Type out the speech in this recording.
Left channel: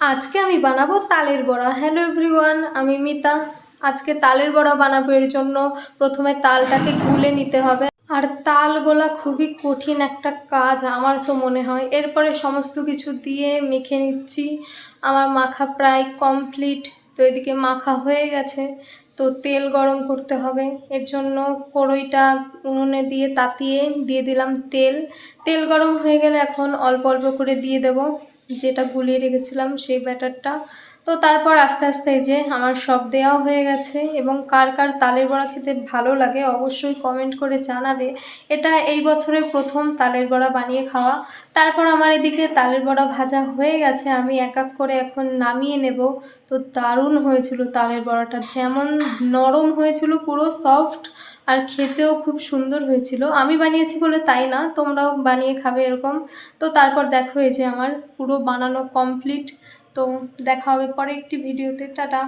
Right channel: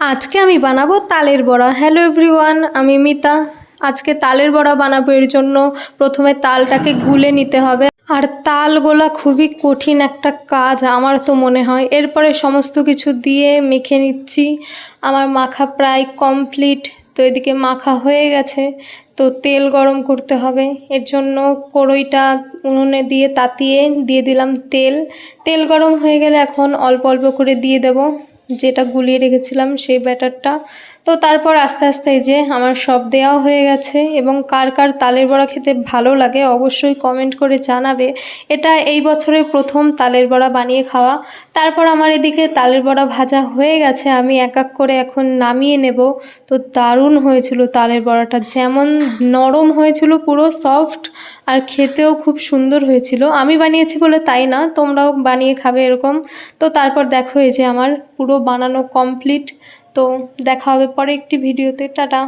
আজকে আমি বানাবো তালের বড়া। হ্যালো এভরিওয়ান, আমি মিতা। আজকে তালের বড়া বানাবো। এর জন্য প্রথমে তালটাকে গুলে নিতে হবে। আর তাল গোলা খুবই কঠিন একটা কাজ আমার তো মনে হয়। এরপরে সমস্ত কিছু দিয়ে মেখে নিচ্ছি। আমার মাখা প্রায় কমপ্লিট। তো এদিকে মাখা হয়ে গেছে, তো তেল গরম করতে হবে। এর জন্য কড়াইটা উনুনে দিয়ে তাতিয়ে দিয়ে দিলাম তেল। তেল গরম হয়ে গেলে এখন অল্প অল্প করে দিয়ে দেব যেটা গুলিয়ে রেখেছিলাম সেই ব্যাটারটা। তো তারপর আস্তে আস্তে এই যে আমার সব দেওয়া হয়ে গেছে। এবং কার কার তালের বড়া খেতে ভালো লাগে অবশ্যই কমেন্ট করে জানাবে। এটা এই বছরের প্রথম তালের বড়া বানিয়ে খাওয়া। তারপর আমার এদিকে তালের বড়া ভাজা হয়ে গেছে, আমি এক এক করে এখন নামিয়ে নেব। তো দারুণ হয়েছিল তালের বড়াটা, যেমন নরম হয়েছিল পুরো সফট, আর খেতেও খুব সুন্দর হয়েছিল। আমি বানিয়েছি বলে তাই না, তোমরাও বানিয়ে খাবে এরকম। তো তারপর দেখো এই যে আমার পুরো বানানো কমপ্লিট। তো দেখা হবে পরে একটি ভিডিওতে। টাটা।